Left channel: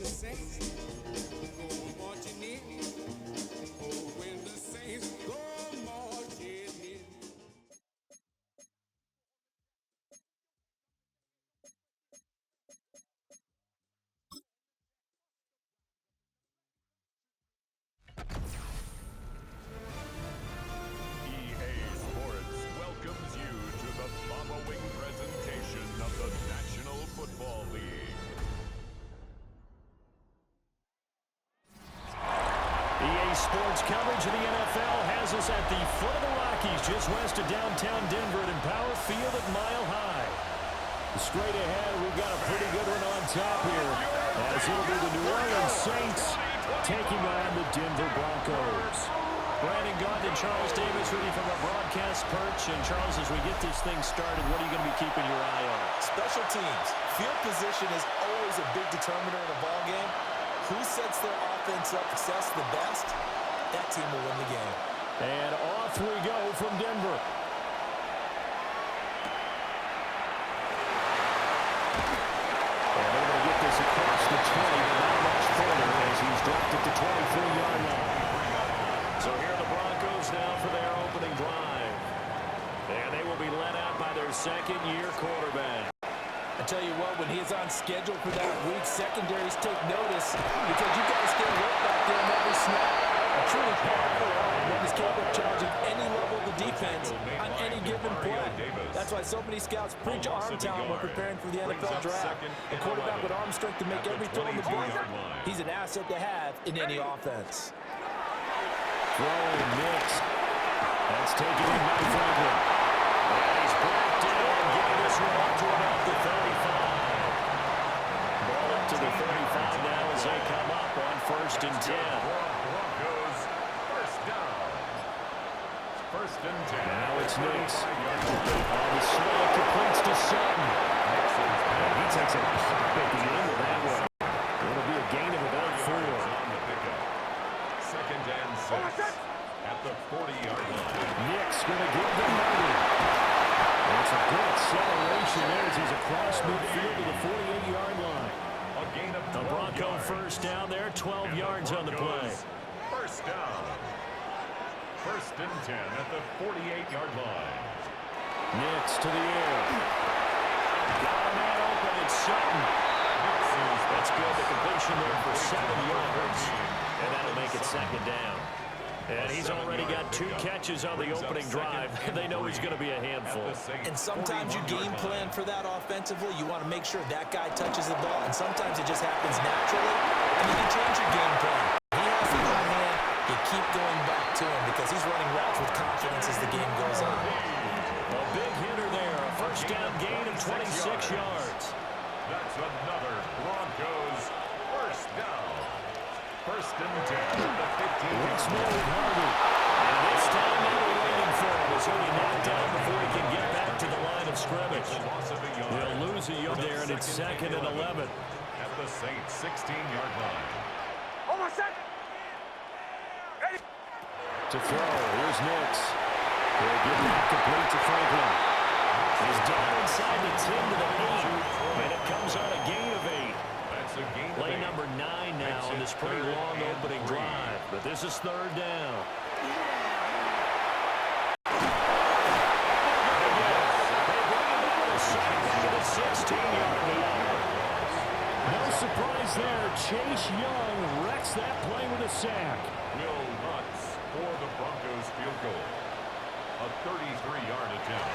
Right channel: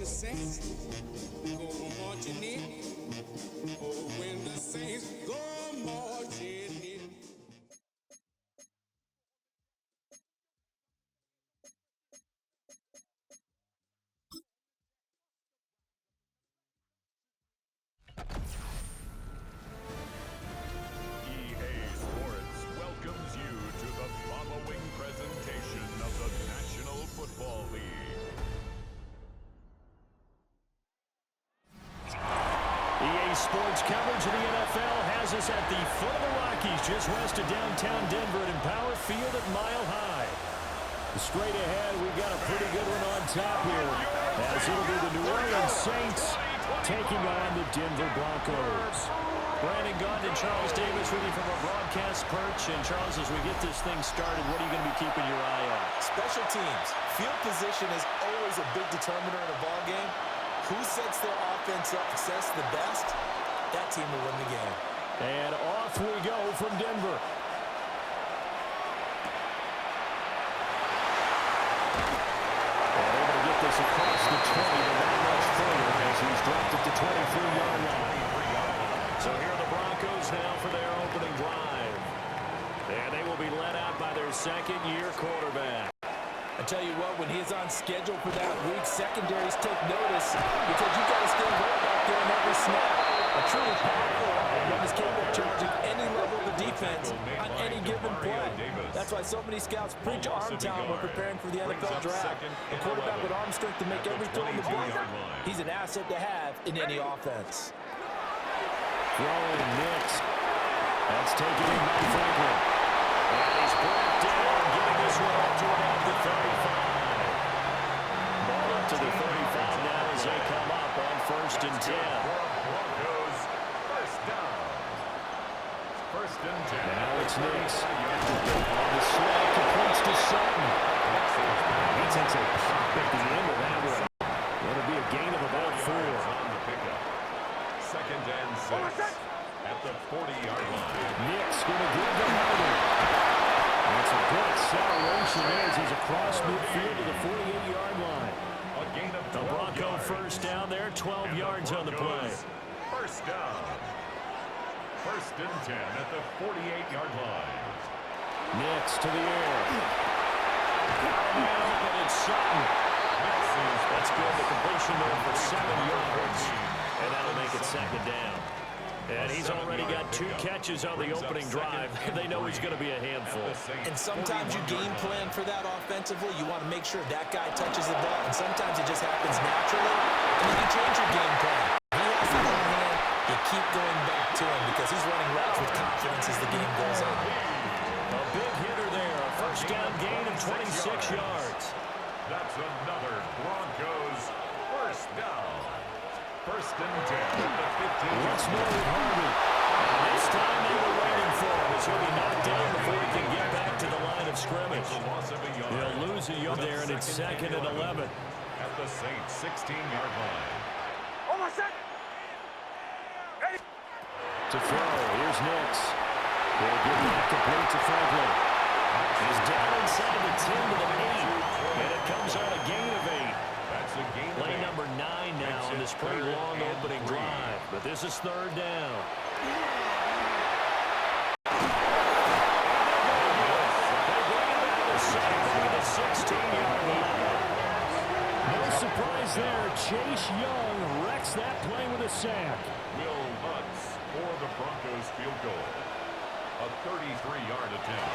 the Saints go marching in. Oh, when the Saints go marching in. EA Sports welcomes you to the following presentation of the National Football League. EA Sports coverage of the NFL has us at the foot of the Rockies, just west of downtown Denver at Empower Field at Mile High. Straight ahead, we've got a pretty good one on top here, as it'll be the New Orleans Saints taking on the Denver Broncos. Brandon Gaunt and Charles Davis with you from our broadcast perch. And Charles, as we get this thing started, what are you going to be keeping your eye on? Special teams. Field position is always a big determiner in a ball game. Who sets their offense up success the best, that team will win the game. And off we go from Denver. And able to get this across the 20, but not much further as he's dropped it to 23-yard line. So here are the Broncos now for their opening drive. And they will be led out by their second-year quarterback. I tell you what, when he is on schedule for that week, secondaries take notice because you've got to stay alert back there on every snap. A truly powerful arm, one is capable of challenging any level of the defense on any given play. That's why so many scouts preach arm talent when preparing for the NFL draft. A quarterback with arm strength to make every throw on the board, he's an asset to have in any offense. Throwing Nix. That's taken in by Franklin. And he's brought down, giving this one up to about the 35. Ball up to the 35 now as they come up on 1st and 10. Broncos, first down. 1st and 10. Now it's Nix. On the swag, completes to Sutton. And he takes a pop at the end of that one. It'll be a gain of about 4. On the pickup. 2nd and 6. At the 40-yard line. Nix going to give the Hardy. And it's a good acceleration there as he's across midfield to the 48-yard line. A gain of 12 the Bronco yards. first down there, 12 yards on the play. First down. 1st and 10 at the 48-yard line. Nix to the air. Got a man open, it's Sutton. That's good, the completion there for 7 yards. And that'll make it 2nd down. And he's already got 2 catches on the opening drive. They know he's going to be a handful. And sometimes you game plan for that offensively. You want to make sure that guy touches the ball. And sometimes it just happens naturally. And then you change your game plan. He has the hot hand. You keep going back to him because he's running routes with confidence as the game goes on. A big hitter there. A first down gain of 26 yards. That's another Broncos first down. 1st and 10 at the 15. Once more with Harvey. And this time they were waiting for him as he'll be knocked down before he can get back to the line of scrimmage. He'll lose a yard there, and it's 2nd and 11. At the Saints' 16-yard line. To throw, here's Nix. He'll give that complete to Franklin. He's down inside the 10 to the 8, and it comes on a gain of 8. That's a gain of 8. Play number 9 now on this pretty long opening drive, but this is 3rd down. They bring him down to the 16-yard line. No surprise there. Chase Young wrecks that play with a sack. Will Lutz for the Broncos field goal. A 33-yard attempt.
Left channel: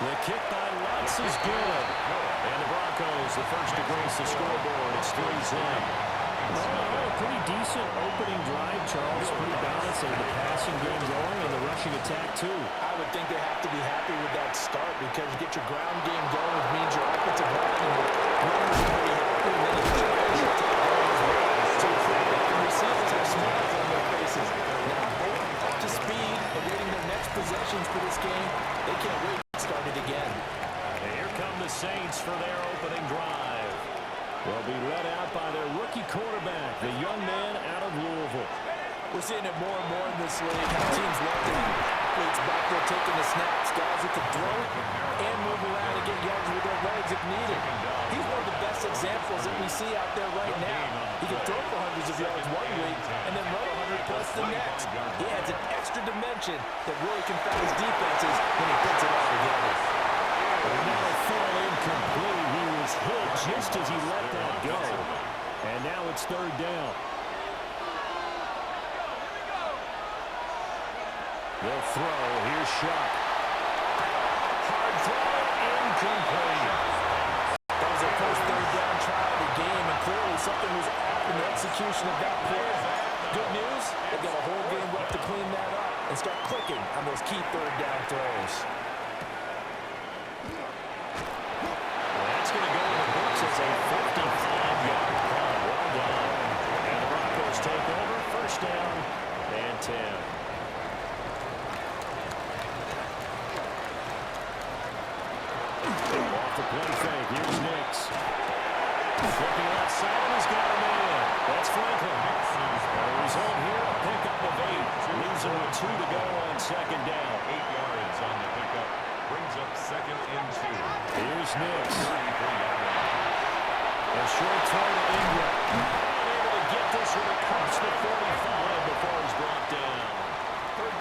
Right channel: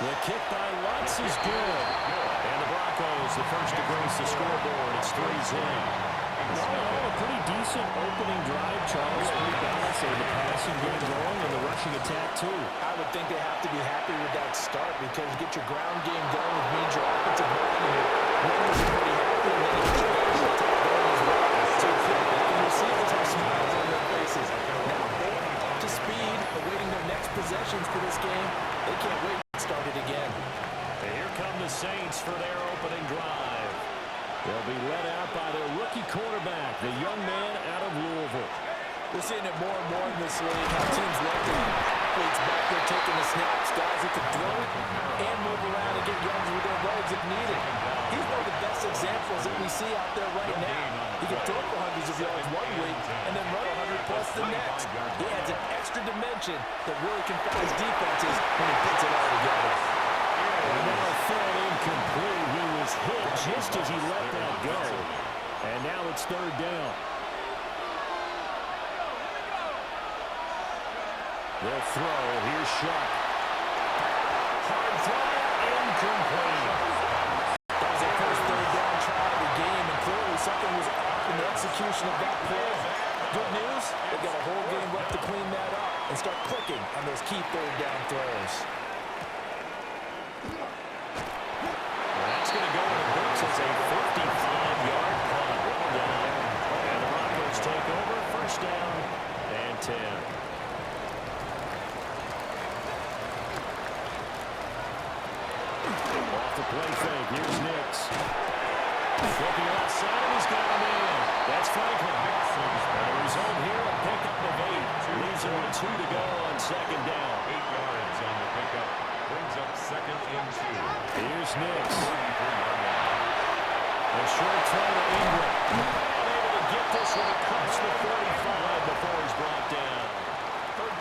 The kick by Lutz is good. And the Broncos, the first to grace the scoreboard. It's 3-0. A pretty decent opening drive, Charles. Pretty balanced. They had the passing game going and the rushing attack, too. I would think they have to be happy with that start because you get your ground game going, which means your offensive line and your runners are pretty happy, and then you get your rushing attack going as well. So your quarterback and receivers have smiles on their faces. Now, both up to speed, awaiting their next possessions for this game. They can't wait to get started again. And here come the Saints for their opening drive. They'll be led out by their rookie quarterback, the young man out of Louisville. We're seeing it more and more in this league, how teams love to have athletes back there taking the snaps, guys who can throw it and move around and get yards with their legs if needed. He's one of the best examples that we see out there right now. He can throw for hundreds of yards one week and then run 100+ the next. He adds an extra dimension that really confounds defenses when he puts it all together. And that'll fall incomplete. He was hit just as he let that go. And now it's third down. They'll throw. Here's Shuck. Hard throw. Incomplete. That was their first third down try of the game, and clearly something was off in the execution of that play. Good news, they've got a whole game left to clean that up and start clicking on those key third down throws. Well, that's going to go in the books as a 55-yard punt. Well done. And the Broncos take over. First down and 10. Off the play fake. Here's Nix. Flipping outside, and he's got him in. That's Franklin. And the result here, a pickup of 8. Leaves him with 2 to go on second down. 8 yards on the pickup. Brings up second and 2. Here's Nix. 33-yard line. A short throw to Ingram. And able to get this one across the 45 before he's brought down.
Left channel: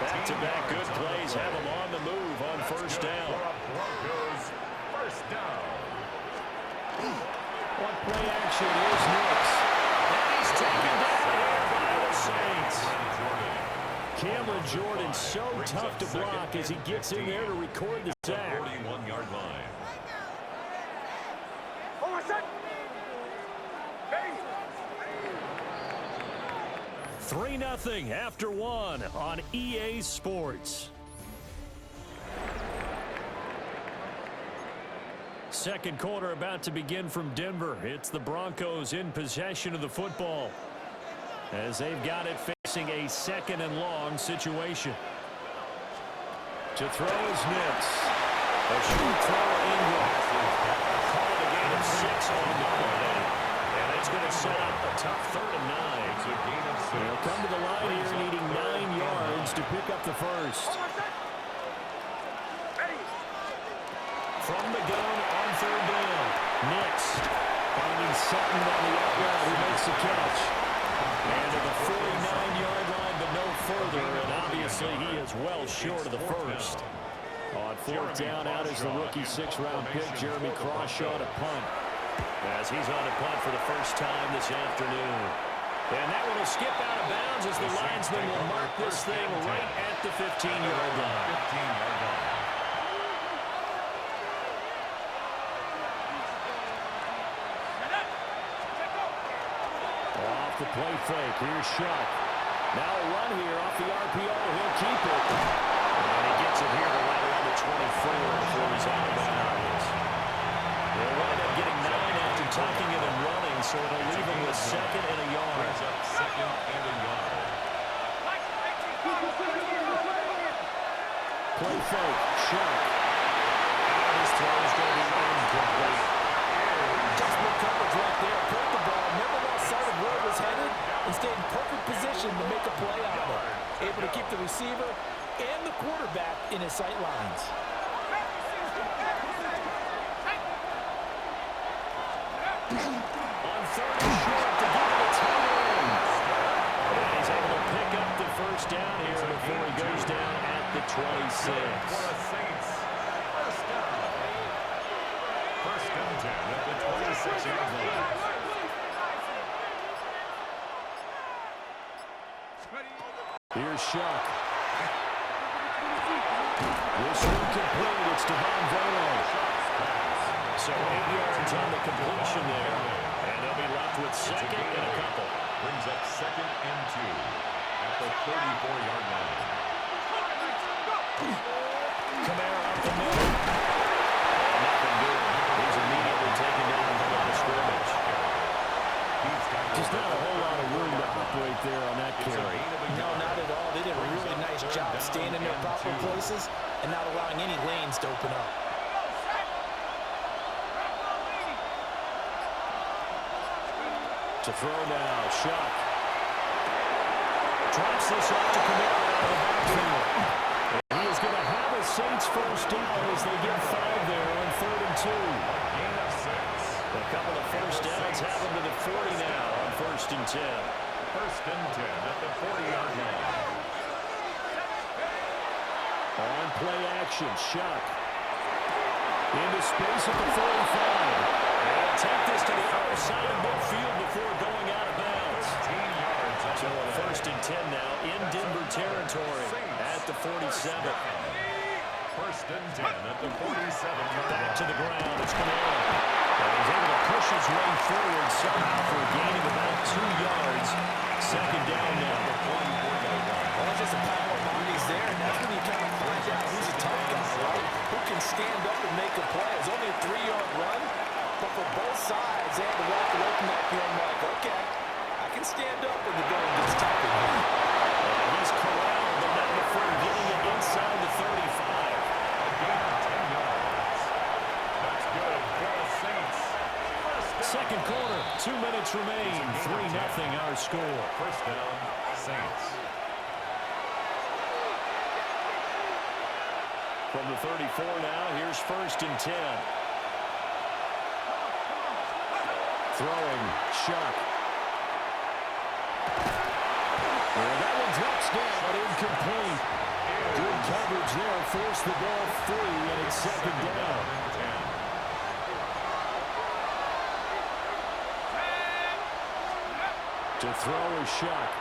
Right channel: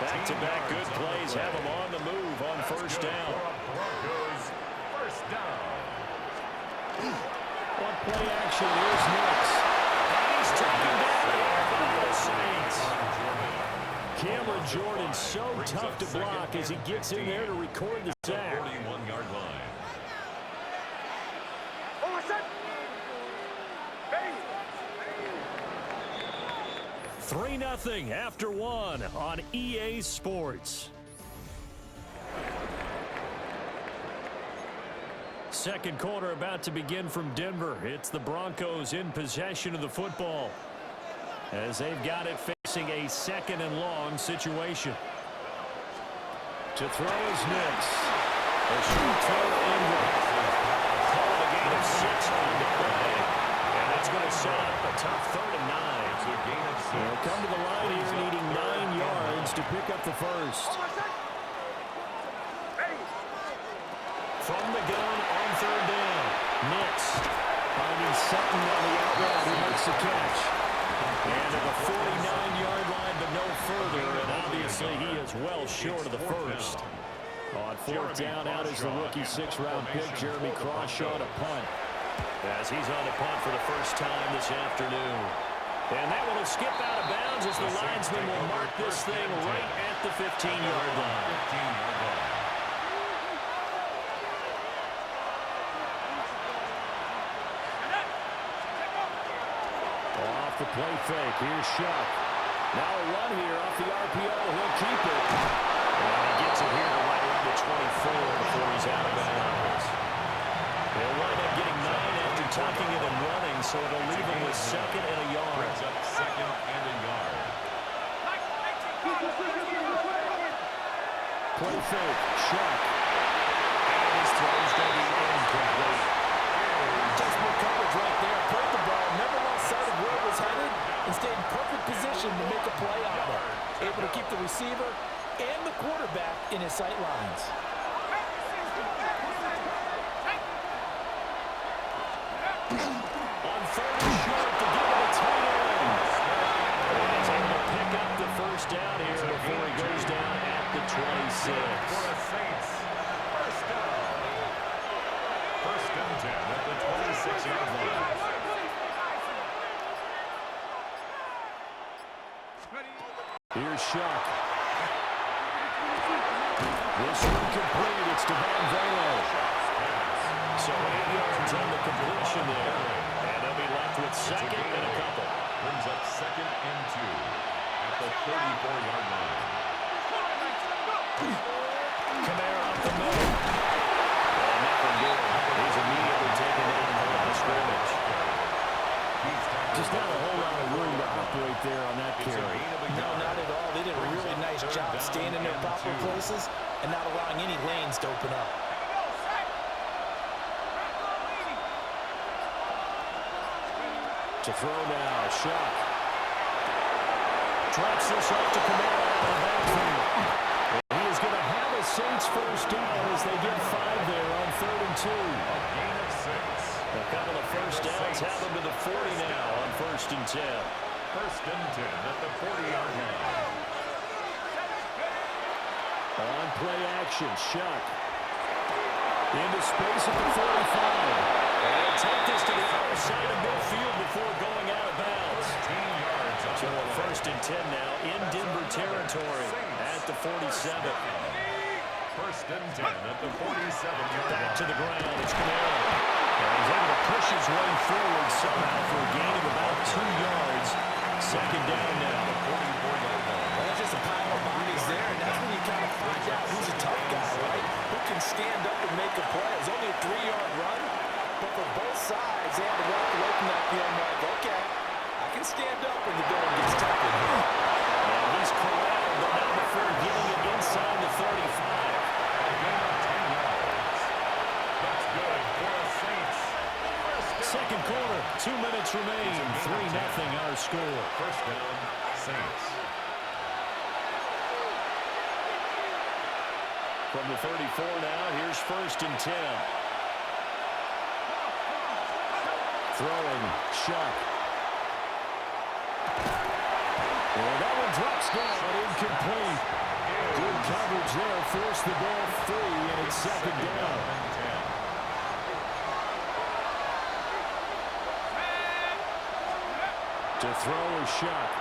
Back-to-back good plays have him on the move on first down. Broncos first down. On play action is Nix. And he's taken down here by the Saints. Cameron Jordan so tough to block as he gets in there to record the sack. 41-yard line. 3-0 after 1 on EA Sports. Second quarter about to begin from Denver. It's the Broncos in possession of the football as they've got it facing a second and long situation. To throw is Nix. A short throw to Ingram. Call it a gain of 6 on the play. And it's going to set up a tough 3rd and 9. It's a gain of 6. They'll come to the line here needing 9 yards to pick up the first. From the gun on 3rd down. Nix finding Sutton on the out route who makes the catch. And to the 49-yard line, but no further. And obviously he is well short of the first. On 4th down, out is the rookie 6th-round pick, Jeremy Crawshaw, to punt. As he's on to punt for the first time this afternoon. And that one will skip out of bounds as the linesman will mark this thing right at the 15-yard line. 15-yard line. Off the play fake, here's Shuck. Now a run here off the RPO, he'll keep it. And he gets it here to right around the 24 before he's out of bounds. They'll wind up getting 9 after tucking it and running, so it'll leave him with 2nd and a yard. Brings up 2nd and a yard. Play fake, Shuck. And his throw is going to be incomplete. Textbook coverage right there. Played the ball, never lost sight of where it was headed, and stayed in perfect position to make a play out of it. Able to keep the receiver and the quarterback in his sight lines. On 3rd and short to give it a tight end. And he's able to pick up the first down here before he goes down at the 26. For the Saints, first down. 1st and 10 at the 26-yard line. Here's Shuck. This one complete. It's Devon Velo. So 8 yards on the completion there. And they'll be left with 2nd and a couple. Brings up 2nd and 2 at the 34-yard line. Kamara up the middle. And nothing doing. He's immediately taken down in the line of scrimmage. Just not a whole lot of room to operate there on that carry. No, not at all. They did a really nice job staying in their proper places and not allowing any lanes to open up. To throw now, Shuck. Drops this off to Kamara out of the backfield. And he a Saints first down as they get 5 there on 3rd and 2. A gain of 6. A couple of first downs have them to the 40 now on 1st and 10. 1st and 10 at the 40-yard line. On play action, Shuck. Into space at the 45. And he'll take this to the other side of midfield before going out of bounds. 13 yards on So the a play. 1st and 10 now in Denver territory at the 47. 1st and 10 at the 47-yard line. Back to the ground, it's Kamara. And he's able to push his way forward somehow for a gain of about 2 yards. 2nd down now. The 44-yard line. Well, that's just a pile of bodies there, and that's when you kind of find out who's a tough guy, right? Who can stand up and make a play. It was only a 3-yard run, but for both sides, they had to walk away from that feeling like, okay, I can stand up when the going gets tough in here. And he's corralled, but not before getting it inside the 35. A gain of 10 yards. That's good for the Saints. Second quarter, 2 minutes remain. 3-0 our score. 1st down, Saints. From the 34 now, here's 1st and 10. Throwing, Shuck. And that one drops down, incomplete. Good coverage there, forced the ball free, and it's 2nd down. And 10. To throw a Shuck.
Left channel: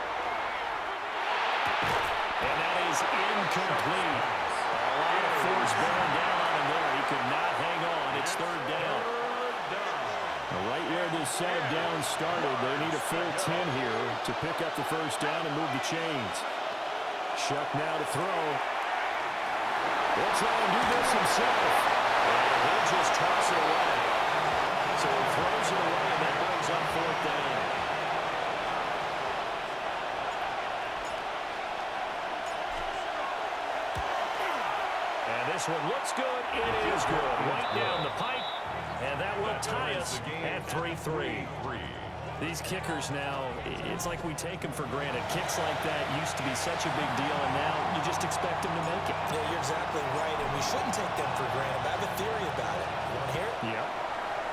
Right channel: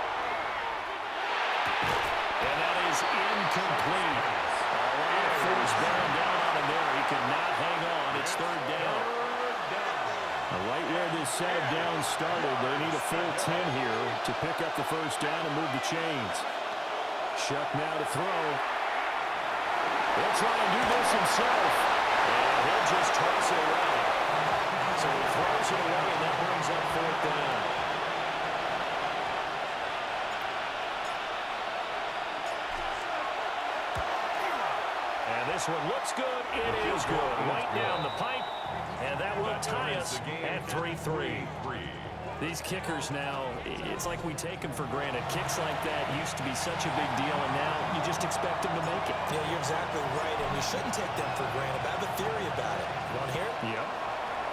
And that is incomplete. A lot of force bearing down on him there. He could not hang on. It's 3rd down. Right where this set of downs started, they need a full 10 here to pick up the 1st down and move the chains. Shuck now to throw. He'll try and do this himself. And he'll just toss it away. So he throws it away, and that brings up 4th down. And this one looks good. It is good. Right down the pipe. And that will tie us at 3-3. These kickers now, it's like we take them for granted. Kicks like that used to be such a big deal, and now you just expect them to make it. Yeah, you're exactly right, and we shouldn't take them for granted. But I have a theory about it. You want to hear it? Yep.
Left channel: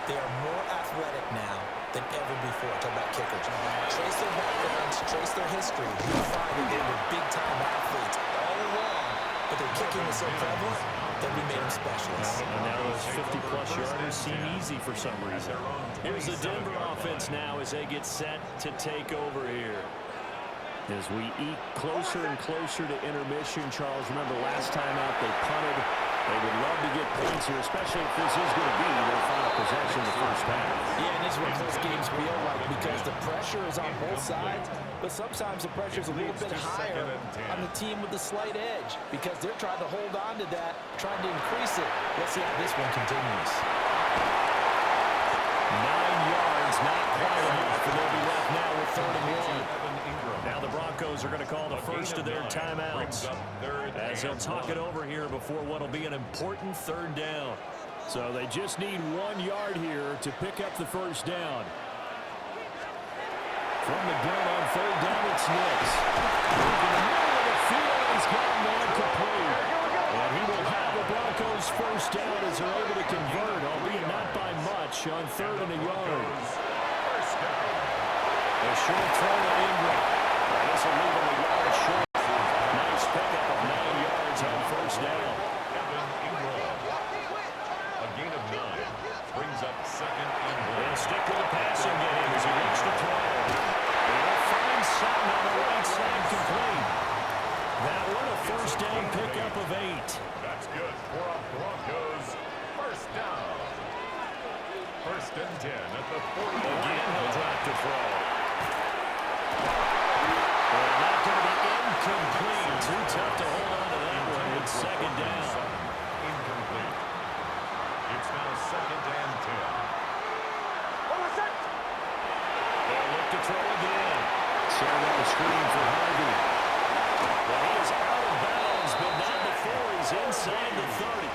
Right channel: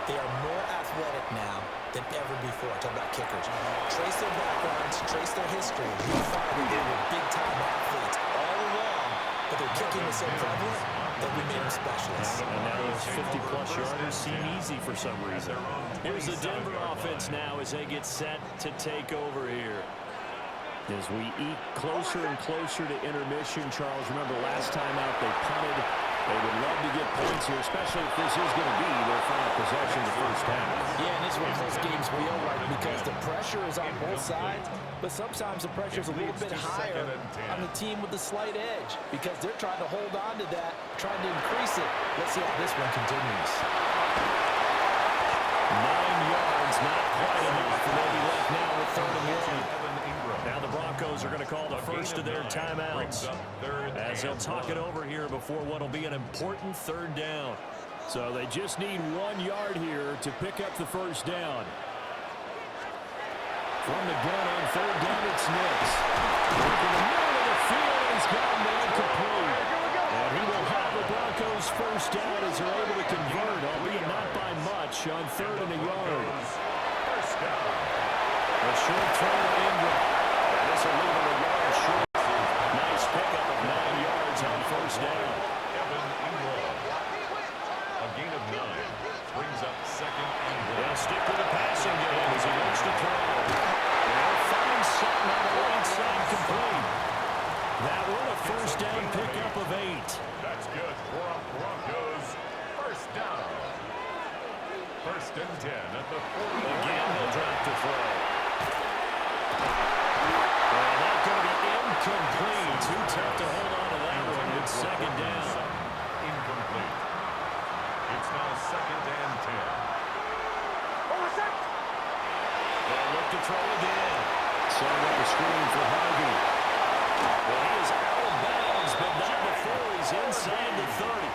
They are more athletic now than ever before. Talk about kickers. Trace their backgrounds, trace their history. You find that they were big-time athletes all along, but their kicking was so prevalent that we made them specialists. And now those 50-plus yarders seem easy for some reason. Here's the Denver offense now as they get set to take over here. As we eke closer and closer to intermission, Charles, remember last time out they punted. They would love to get points here, especially if this is going to be their final possession of the 1st half. Yeah, and this is what close games feel like because the pressure is on both sides, but sometimes the pressure is a little bit higher on the team with the slight edge because they're trying to hold on to that, trying to increase it. Let's see how this one continues. 9 yards, not quite enough, and they'll be left now with 3rd and 1. Now the Broncos are going to call the first of their timeouts as they'll talk it over here before what will be an important 3rd down. So they just need 1 yard here to pick up the 1st down. From the gun on 3rd down, it's Nix. Look in the middle of the field, and he's got a man complete. And he will have the Broncos 1st down as they're able to convert, albeit not by much, on 3rd and a yard. First down. A short throw to Ingram. And this will leave him a yard short. Nice pickup of 9 yards on 1st down. Evan Ingram. A gain of 9 brings up 2nd and 1. They'll stick with the passing game as he looks to throw. They'll find Sutton on the right side complete. That one a 1st down pickup of 8. That's good for a Broncos 1st down. 1st and 10 at the 40. Again, he'll drop to throw. And that's going to be incomplete. Too tough to hold on to that one. It's 2nd down. Incomplete. It's now 2nd and 10. They'll look to throw again. Setting up a screen for Harvey. Well, he is out of bounds, but not before he's inside the 30.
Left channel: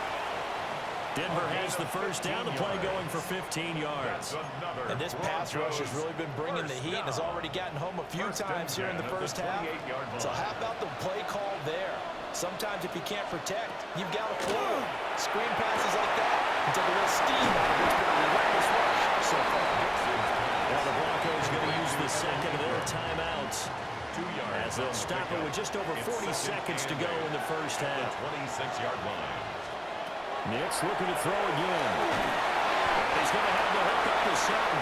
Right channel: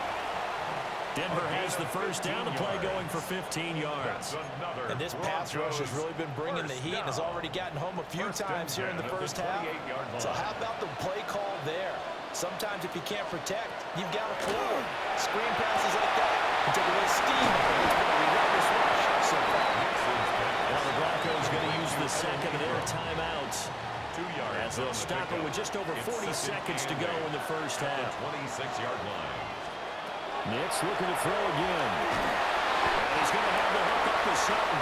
Denver has the 1st down, the play going for 15 yards. And this pass rush has really been bringing the heat and has already gotten home a few times here in the 1st half. So how about the play call there? Sometimes if you can't protect, you've got to forward. Screen passes like that can take a little steam out of what's been a relentless rush so far. Now the Broncos going to use the second of their timeouts. 2 yards as they'll stop it with just over 40 seconds to go in the first half. 26-yard line. Nick's looking to throw again. And he's going to have the hook up to Sutton.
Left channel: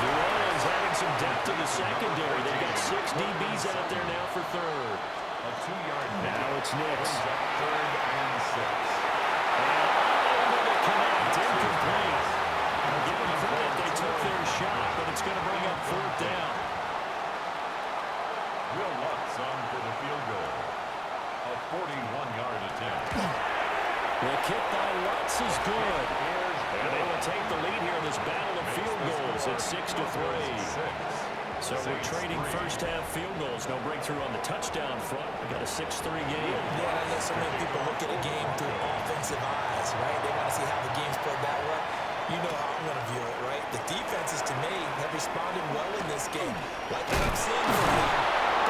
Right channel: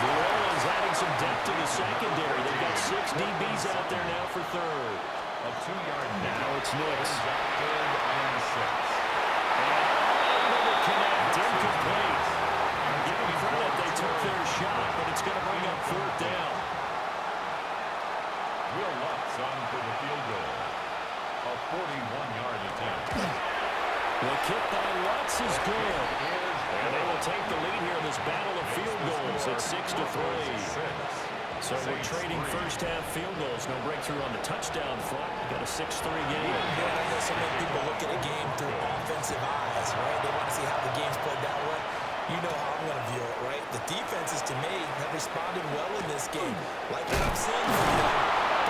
New Orleans adding some depth to the secondary. They've got 6 DBs out there now for third. A 2-yard now it's Nick's. Third and 6. And unable to connect. Incomplete. Give them credit. They took their shot, but it's going to bring up fourth down. Will Lutz on for the field goal. A 41-yard attempt. The kick by Lutz is good. And they will take the lead here in this battle of field goals at 6-3. So we're trading first-half field goals. No breakthrough on the touchdown front. We got a 6-3 game. Yeah, I know so many people look at a game through offensive eyes, right? They want to see how the game's played that way. You know how I'm going to view it, right? The defenses, to me, have responded well in this game. Like what I'm seeing from them,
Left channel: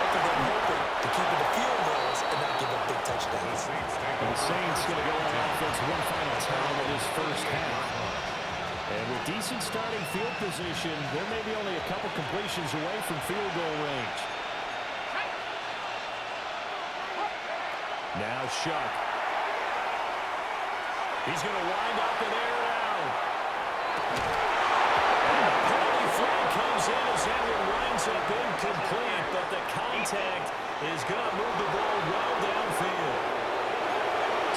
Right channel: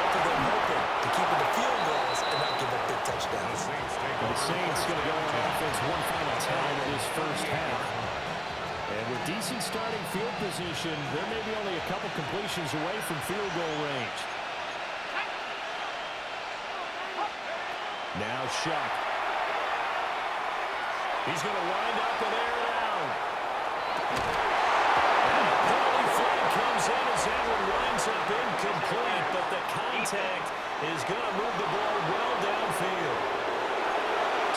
both of them hoping to keep it to field goals and not give up big touchdowns. The Saints going to go on offense one final time in this first half. And with decent starting field position, there may be only a couple completions away from field goal range. Now Shuck. He's going to wind up and air it out. And a penalty flag comes in as that one winds up incomplete, but the contact is going to move the ball well downfield.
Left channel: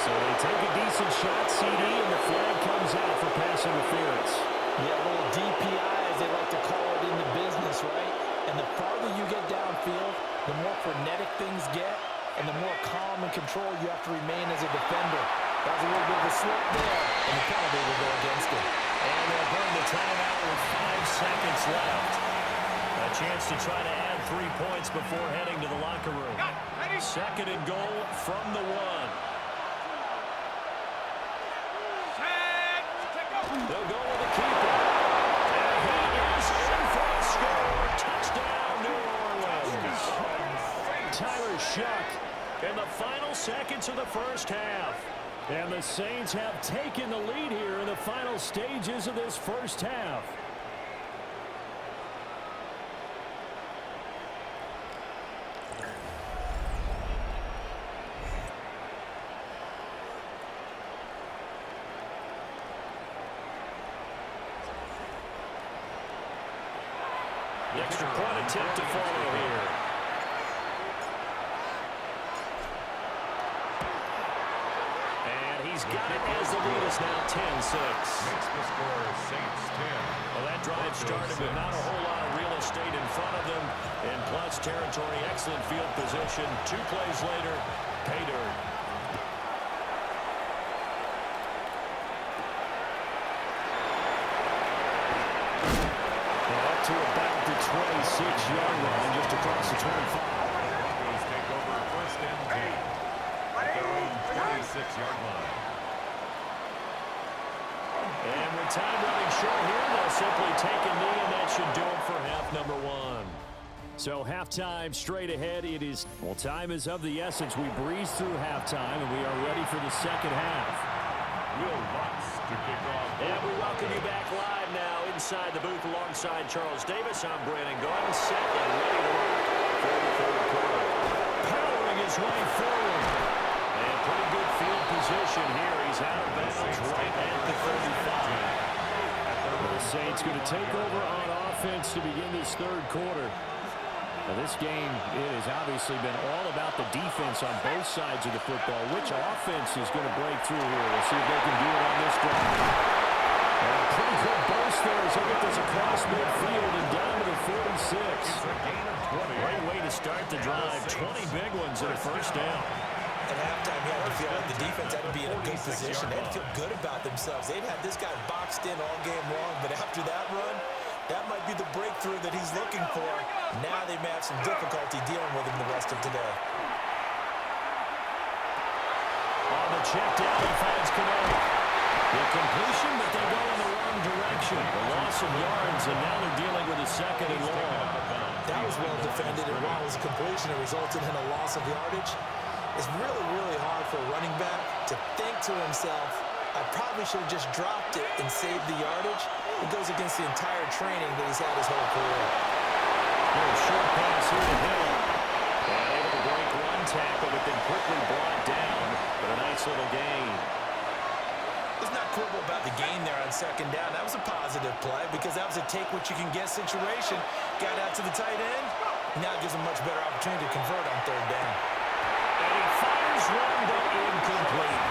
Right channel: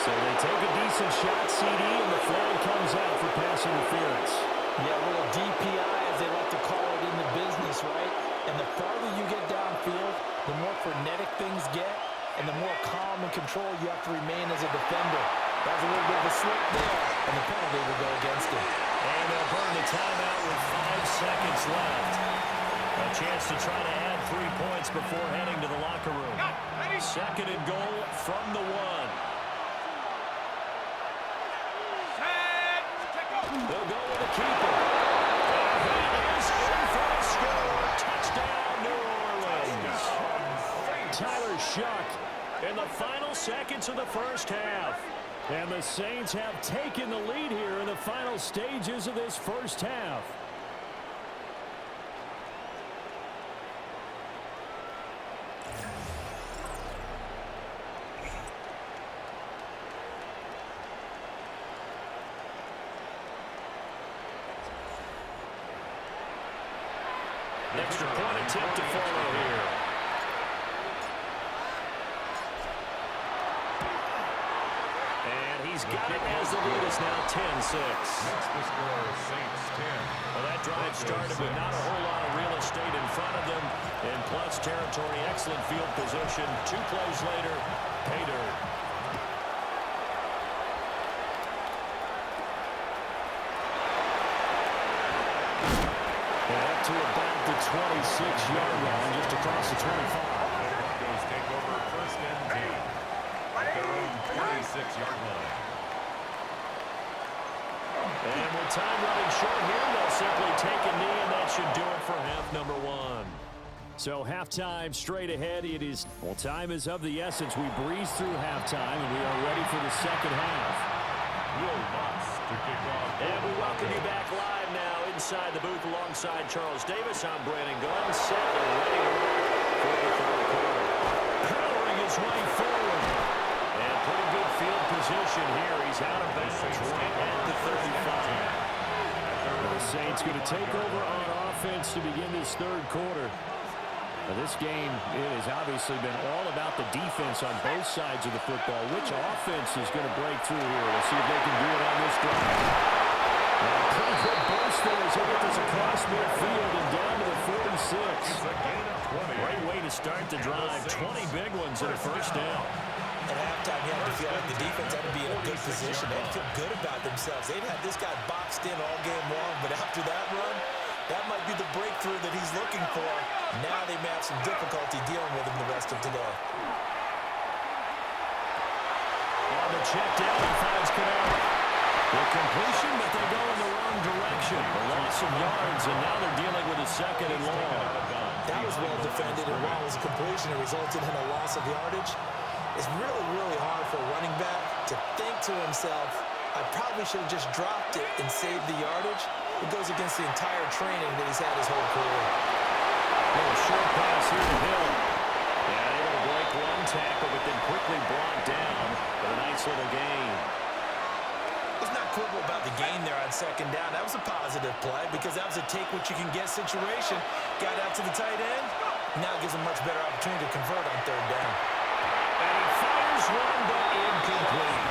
So they take a decent shot, CD, and the flag comes out for pass interference. Yeah, a little DPI, as they like to call it in the business, right? And the farther you get downfield, the more frenetic things get, and the more calm and control you have to remain as a defender. That was a little bit of a slip there, and the penalty will go against him. And they'll burn the timeout with 5 seconds left. A chance to try to add 3 points before heading to the locker room. Second and goal from the 1. They'll go with the keeper. And he is in for a score. Touchdown, New Orleans. Tyler Shuck in the final seconds of the first half. And the Saints have taken the lead here in the final stages of this first half. Extra point attempt to follow here. And he's got it as the lead is now 10-6. Makes the score Saints 10. Well, that drive started with not a whole lot of real estate in front of them. In plus territory, excellent field position. 2 plays later, pay dirt. To about the 26-yard line, just across the 25. The Broncos take over first and 10 at their own 26-yard line. And with time running short here, they'll simply take a knee, and that should do it for half number 1. So halftime straight ahead. It is, well, time is of the essence. We breeze through halftime, and we are ready for the second half. Will Lutz to kick off. And we welcome you back live now inside the booth alongside Charles Davis. I'm Brandon Gordon, set and ready to rock for the third quarter. Powering his way forward. And pretty good field position here. He's out of bounds right at the 35. The Saints going to take over on offense to begin this third quarter. Now, this game, it has obviously been all about the defense on both sides of the football. Which offense is going to break through here? We'll see if they can do it on this drive. And a pretty good burst there as they get this across midfield and down to the 46. It's a gain of 20. Great way to start the drive. 20 big ones and a first down. At halftime, you had to feel like the defense had to be in a good position. They had to feel good about themselves. They'd had this guy boxed in all game long, but after that run, that might be the breakthrough that he's looking for. Now they may have some difficulty dealing with him the rest of today. On the check down, he finds Canal. The completion, but they go in the wrong direction. A loss of yards, and now they're dealing with a second and long. That was well defended, and while it was a completion, it resulted in a loss of yardage. It's really, really hard for a running back to think to himself, I probably should have just dropped it and saved the yardage. It goes against the entire training that he's had his whole career. Little short pass here to Hill. And able to break one tackle, but then quickly brought down. But a nice little gain. Let's not quibble about the gain there on second down. That was a positive play because that was a take-what-you-can-get situation. Got out to the tight end. Now it gives him a much better opportunity to convert on third down. And he fires one, but incomplete.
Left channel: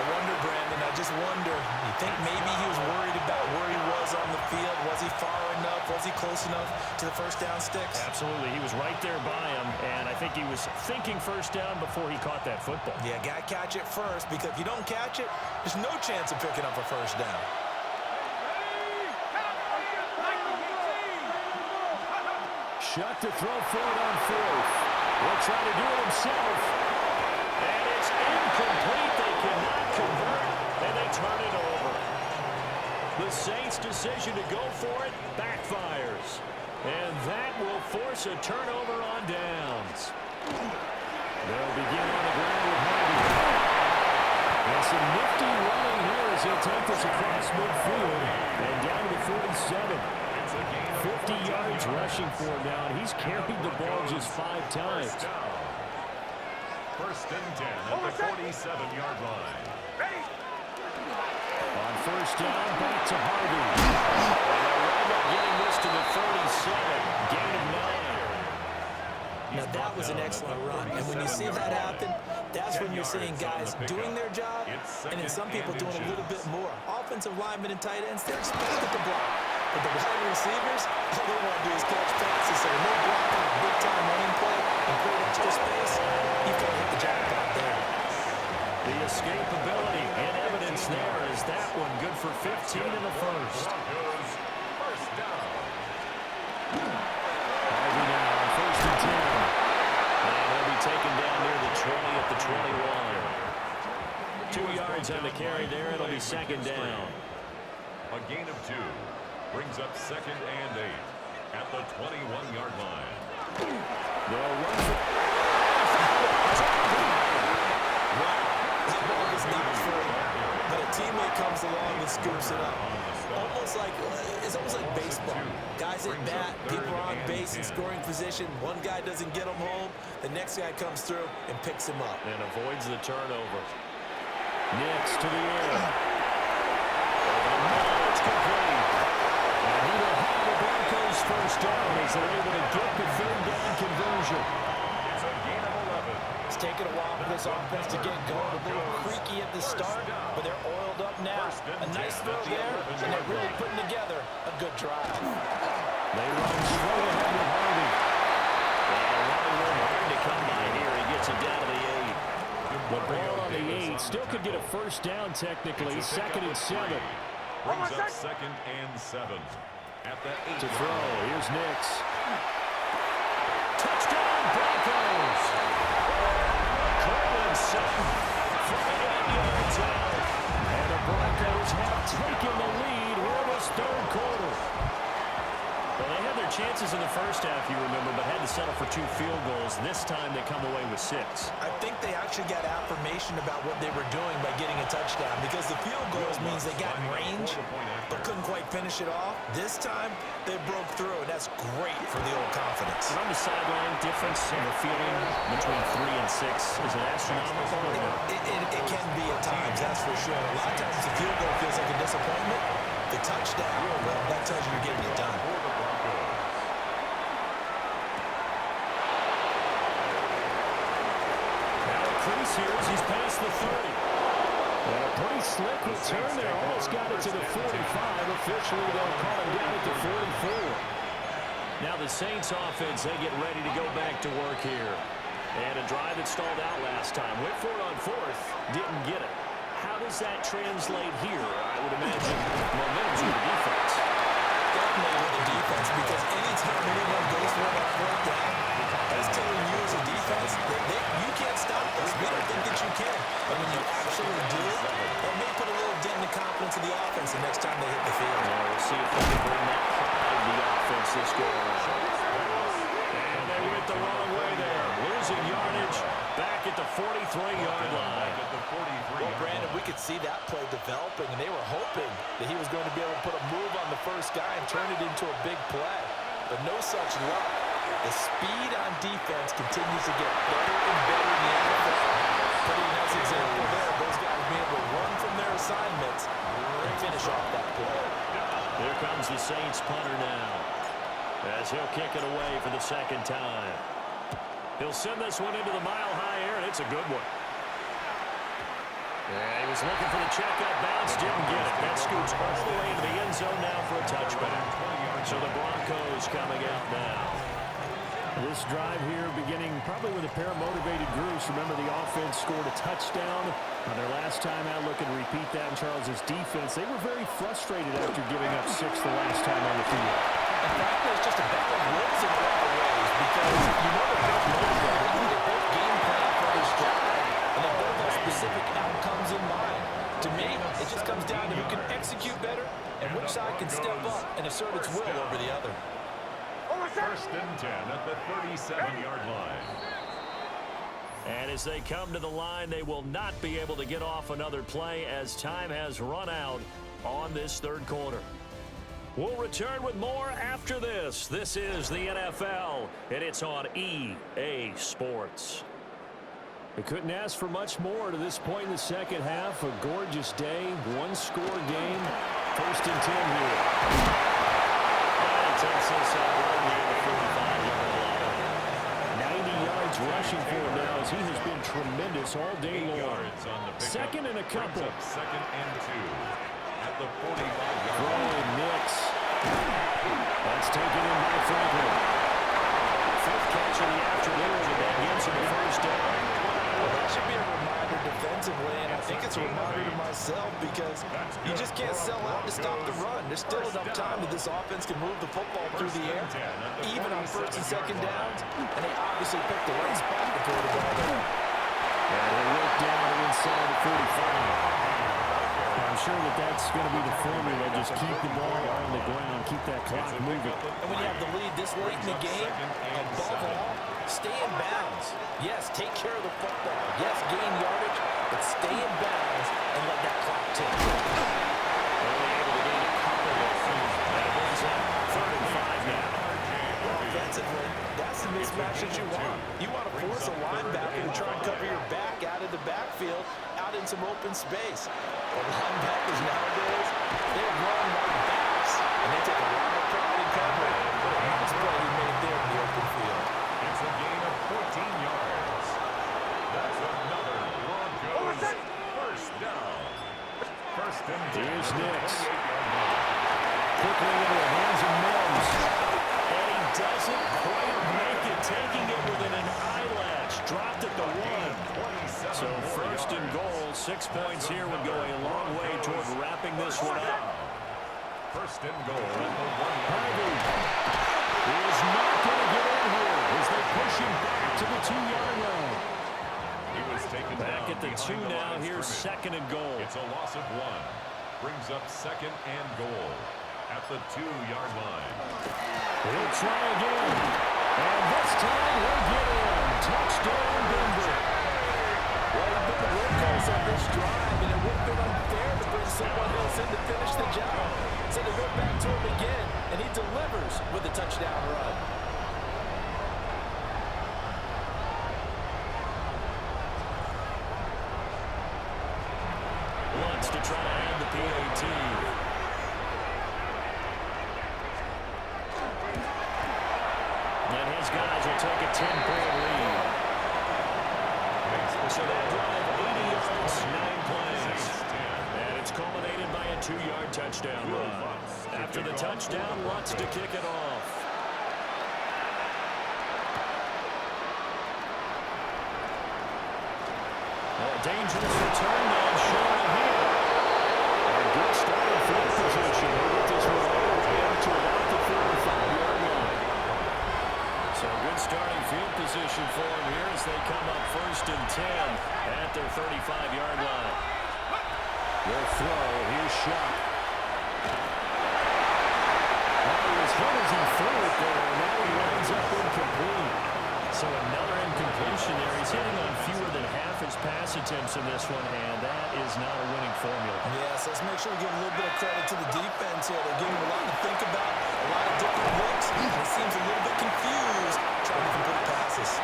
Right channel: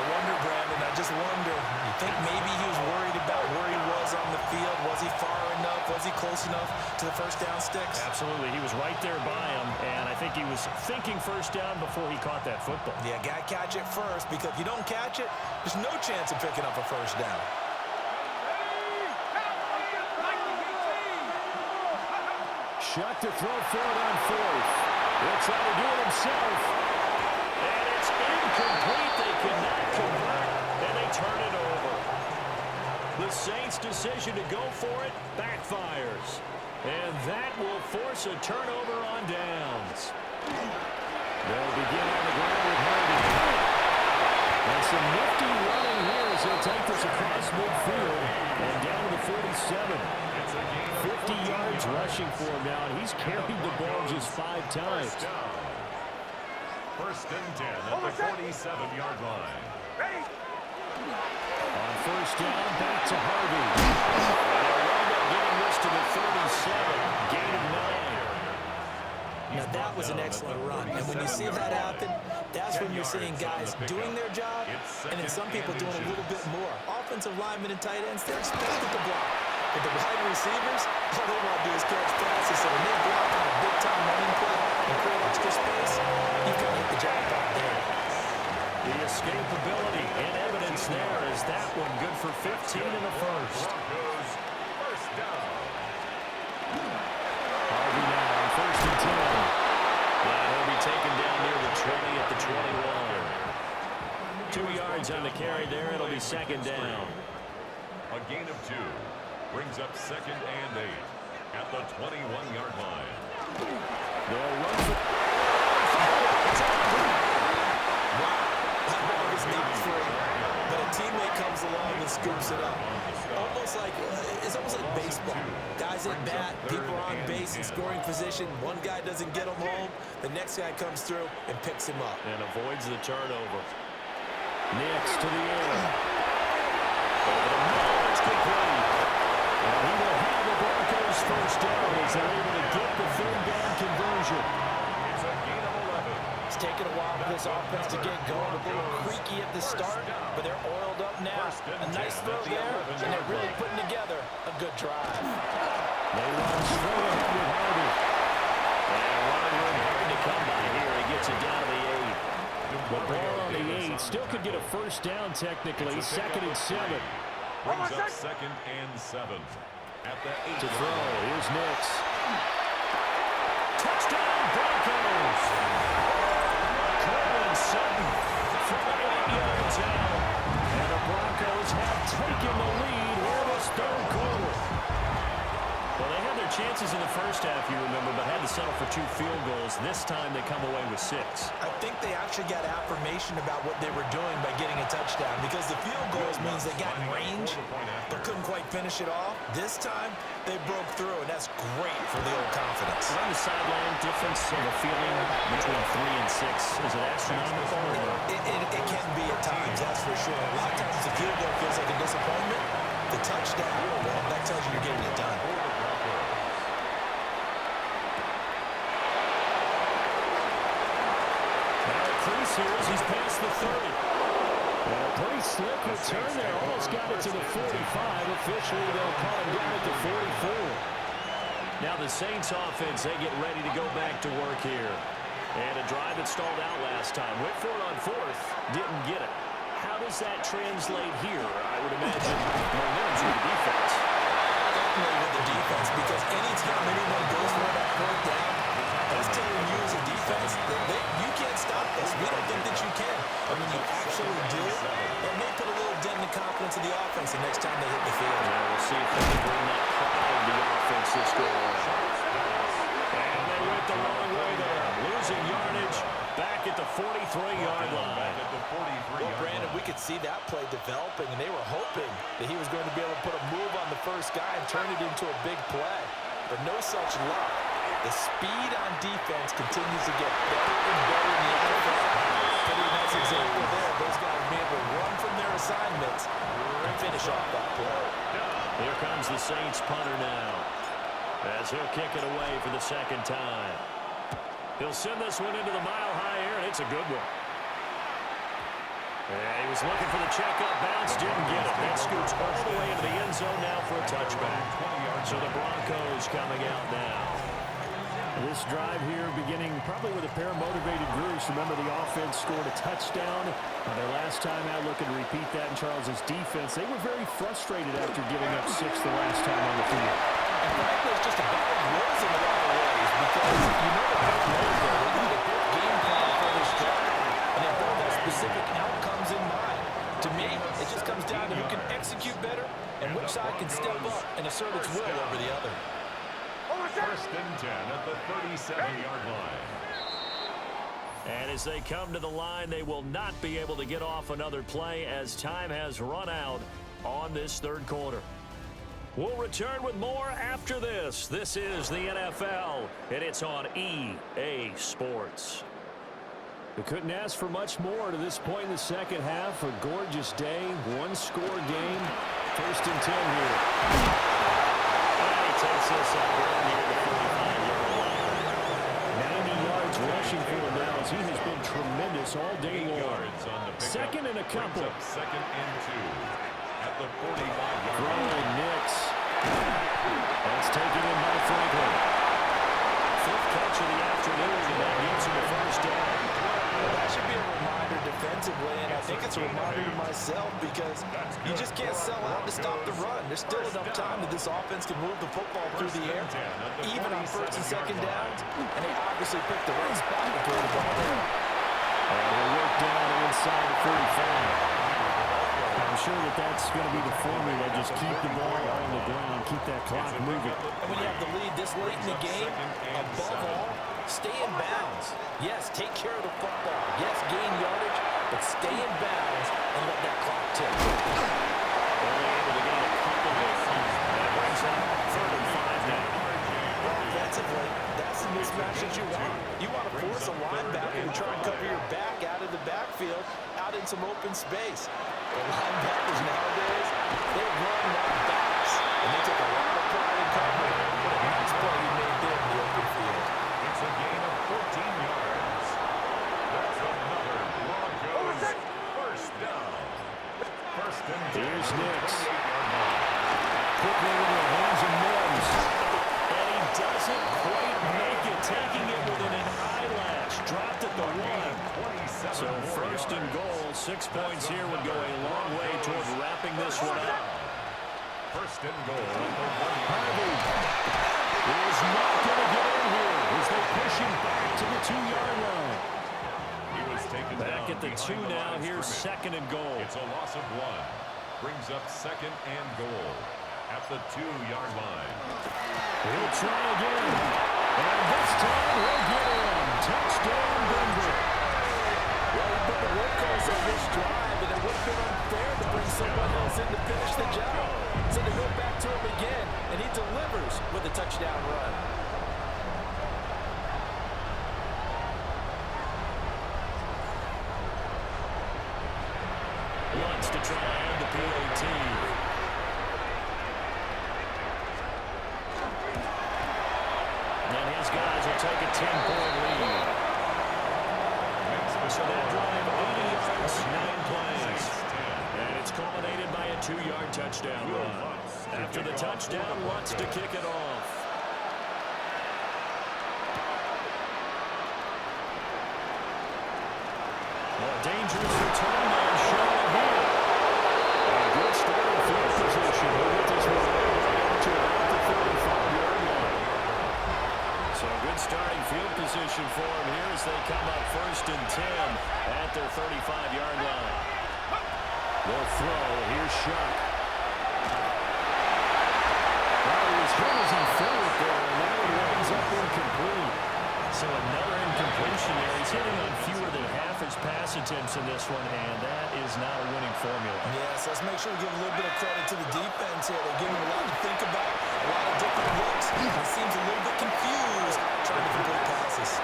I wonder, Brandon, I just wonder, you think maybe he was worried about where he was on the field? Was he far enough? Was he close enough to the first down sticks? Absolutely. He was right there by him, and I think he was thinking first down before he caught that football. Yeah, got to catch it first, because if you don't catch it, there's no chance of picking up a first down. Shut to throw forward on fourth. He'll try to do it himself. And it's incomplete. They cannot convert, and they turn it over. The Saints' decision to go for it backfires. And that will force a turnover on downs. They'll begin on the ground with Harvey. And some nifty running here as he'll take this across midfield and down to the 47. 50 yards rushing for him now, and he's carried the ball just 5 times. First and 10 at the 47-yard line. On first down, back to Harvey. And they'll wind up getting this to the 37. Gain of 9. Now, that was an excellent run. And when you see that happen, that's when you're seeing guys doing their job, and then some people doing a little bit more. Offensive linemen and tight ends, they're expected to block. But the wide receivers, all they want to do is catch passes. So when they block on a big-time running play and create extra space, you've got to hit the jackpot there. The escapability and evidence there is that one good for 15 in the first. First down. Harvey now on first and 10. And he'll be taken down near the 20 at the 21. 2 yards on the carry there. It'll be second down. A gain of 2 brings up second and 8 at the 21-yard line. They'll run for... Wow, that ball is not free. But a teammate comes along and scoops it up. It's almost like baseball. Guys at bat, people are on base in scoring position. One guy doesn't get him home. The next guy comes through and picks him up. And avoids the turnover. Nix to the air. Over the middle, it's complete. And he will have the Broncos first down as they're able to get the third down conversion. It's a gain of 11. It's taken a while for this offense to get going. A little creaky at the start, but they're oiled up now. A nice throw there, and they're really putting together a good drive. They run straight ahead with Harvey. And running room hard to come by here. He gets it down to the 8. The ball on the 8 still could get a first down technically. Second and 7. Brings up second and 7 at the 8. To throw, here's Nix. Touchdown, Broncos! Cortland Sutton from 8 yards out. And the Broncos have taken the lead here this third quarter. Well, they had their chances in the first half, you remember, but had to settle for 2 field goals. This time they come away with 6. I think they actually got affirmation about what they were doing by getting a touchdown, because the field goals means they got in range but couldn't quite finish it off. This time they broke through, and that's great for the old confidence. And on the sideline, difference of a feeling between 3 and 6, is it astronomical or no? It can be at times, that's for sure. A lot of times the field goal feels like a disappointment. The touchdown, well, that tells you you're getting it done. Now a crease here as he's past the 30. And a pretty slick return there. Almost got it to the 45. Officially, they'll call him down at the 44. Now the Saints offense, they get ready to go back to work here. And a drive that stalled out last time. Went for it on fourth. Didn't get it. How does that translate here? I would imagine momentum's with the defense. Definitely with the defense, because anytime anyone goes for it on fourth down, that's telling you as a defense that you can't stop us. We don't think that you can. And when you actually do, it may put a little dent in the confidence of the offense the next time they hit the field. Yeah, we'll see if they can bring that pride to the offense this go around. And they went the wrong way there. Losing yardage back at the 43-yard line. Well, Brandon, we could see that play developing, and they were hoping that he was going to be able to put a move on the first guy and turn it into a big play. But no such luck. The speed on defense continues to get better and better in the NFL. Pretty nice example there. Those guys being able to run from their assignments and finish off that play. Here comes the Saints punter now, as he'll kick it away for the second time. He'll send this one into the mile-high air, and it's a good one. Yeah, he was looking for the checkup bounce, didn't get it. That scoots all the way into the end zone now for a touchback. So the Broncos coming out now. This drive here beginning probably with a pair of motivated groups. Remember, the offense scored a touchdown on their last time out, looking to repeat that in Charles's defense. They were very frustrated after giving up 6 the last time on the field. And frankly, it's just a battle of wills in a lot of ways because you know they're both motivated. They both game plan for this drive, and they both have specific outcomes in mind. To me, it just comes down to who can execute better and which side can step up and assert its will over the other. First and 10 at the 37-yard line. And as they come to the line, they will not be able to get off another play as time has run out on this third quarter. We'll return with more after this. This is the NFL, and it's on EA Sports. They couldn't ask for much more to this point in the second half. A gorgeous day, one-score game. First and 10 here. And he takes this up right near the 45-yard line. 90 yards rushing for him now as he has been tremendous all day long. Second and a couple. Second and 2 at the 45-yard Throw line. in Nix. That's taken in by Franklin. Fifth catch of the afternoon, and that gets him the first down. Well, that should be a reminder defensively, and I think it's a reminder to myself because you just can't sell out to stop the run. There's still enough time that this offense can move the football through the air, even on first and second downs, and they obviously picked the right spot to throw the ball there. And he'll work down inside the 35. I'm sure that that's going to be the formula. Just keep the ball on the ground, keep that clock moving. And when you have the lead this late in the game, above all, stay in bounds. Yes, take care of the football. Yes, gain yardage, but stay in bounds and let that clock tick. Only able to gain a couple there. And it brings up 3rd and 5 now. Offensively, that's the mismatch that you want. You want to force a linebacker to try and cover your back out of the backfield, out in some open space. But linebackers nowadays, they run like backs, and they take a lot of pride in covering. What a nice play he made there in the open field. It's a gain of 14 yards. That's another Broncos first down. First and 10. Here's Nix. 28-yard line. Quickly into the hands of Mims. And he doesn't quite make it, taking it within an eyelash. Dropped at the 1. So first and goal, 6 points here would go a long way toward wrapping this one up. First and goal at the 1-yard Harvey is not going to get in here as they push him back to the 2-yard line. He was taken Back down at the 2 behind the now, line of here's scrimmage. 2nd and goal. It's a loss of 1. Brings up 2nd and goal at the 2-yard line. He'll try again. And this time he'll get in. Touchdown, Denver. Well, he's been the workhorse on this drive, and it would have been unfair to bring someone else in to finish the job. So they go back to him again, and he delivers with a touchdown run. Wants to try to add the PAT. And his guys will take a 10-point lead. So that drive, 80 yards, 9 plays. And it's culminated by a 2-yard touchdown run. After the touchdown, Lutz to kick it off. Well, a dangerous return man showing here. And good starting field position. He'll get this one all the way up to about the 35-yard line. So good starting field position for him here as they come up first and 10 at their 35-yard line. They'll throw. Here's Shuck. Well, he was hit as he threw it there, and that one winds up incomplete. So another incompletion there. He's hitting on fewer than half his pass attempts in this one, and that is not a winning formula. Yes, let's make sure we give a little bit of credit to the defense here. They're giving him a lot to think about, a lot of different looks. He seems a little bit confused trying to complete passes.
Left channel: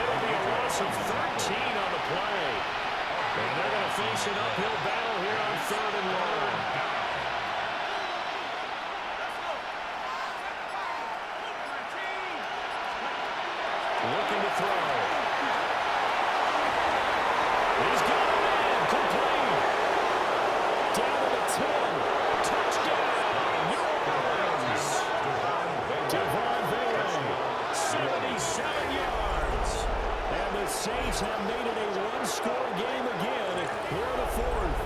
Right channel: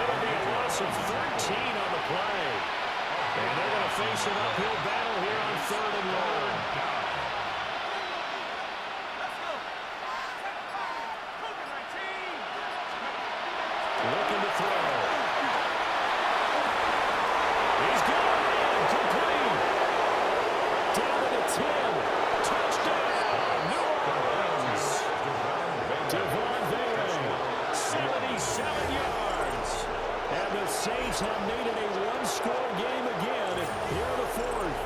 It'll be a loss of 13 on the play. And they're going to face an uphill battle here on 3rd and long. Looking to throw. He's got a man complete. Down to the 10. Touchdown, New Orleans. Devon Vele, 77 yards. And the Saints have made it a one-score game again here in the 4th.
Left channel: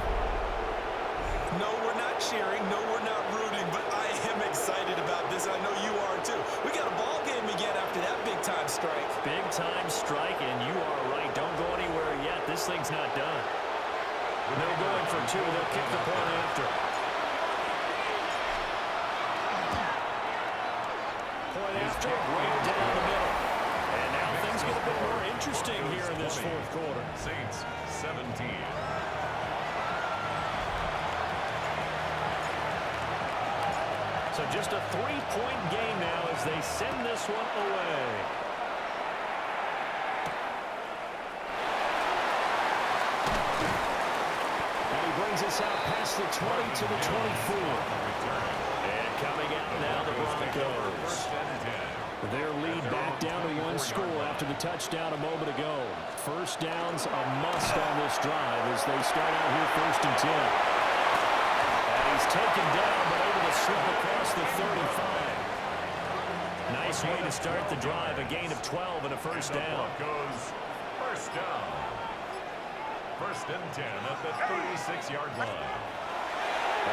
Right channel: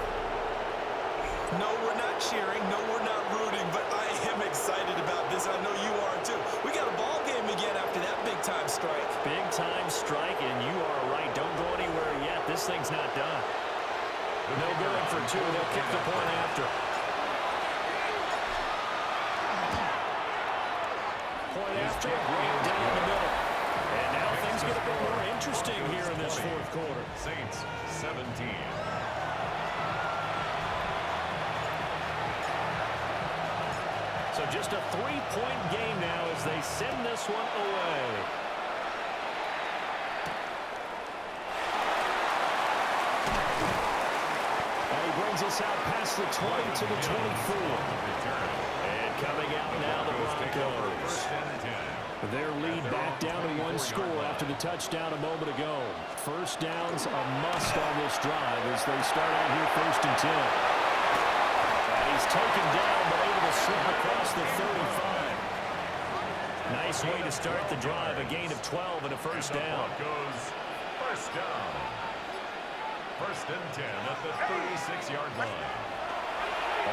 No, we're not cheering. No, we're not rooting, but I am excited about this. I know you are too. We got a ball game again after that big-time strike. Big-time strike, and you are right. Don't go anywhere yet. This thing's not done. No going for 2. They'll kick the point after. Point after, right down the middle. And now things get a bit more interesting here in this 4th quarter. Saints 17. So just a 3-point game now as they send this one away. And he brings us out past the 20 to the 24. And coming out now, the Broncos. Their lead back down to 1 score after the touchdown a moment ago. First down's a must on this drive as they start out here 1st and 10. And he's taken down, but able to slip across the 35. Nice way to start the drive. A gain of 12 and a first down. Broncos, first down. 1st and 10 at the 36-yard line.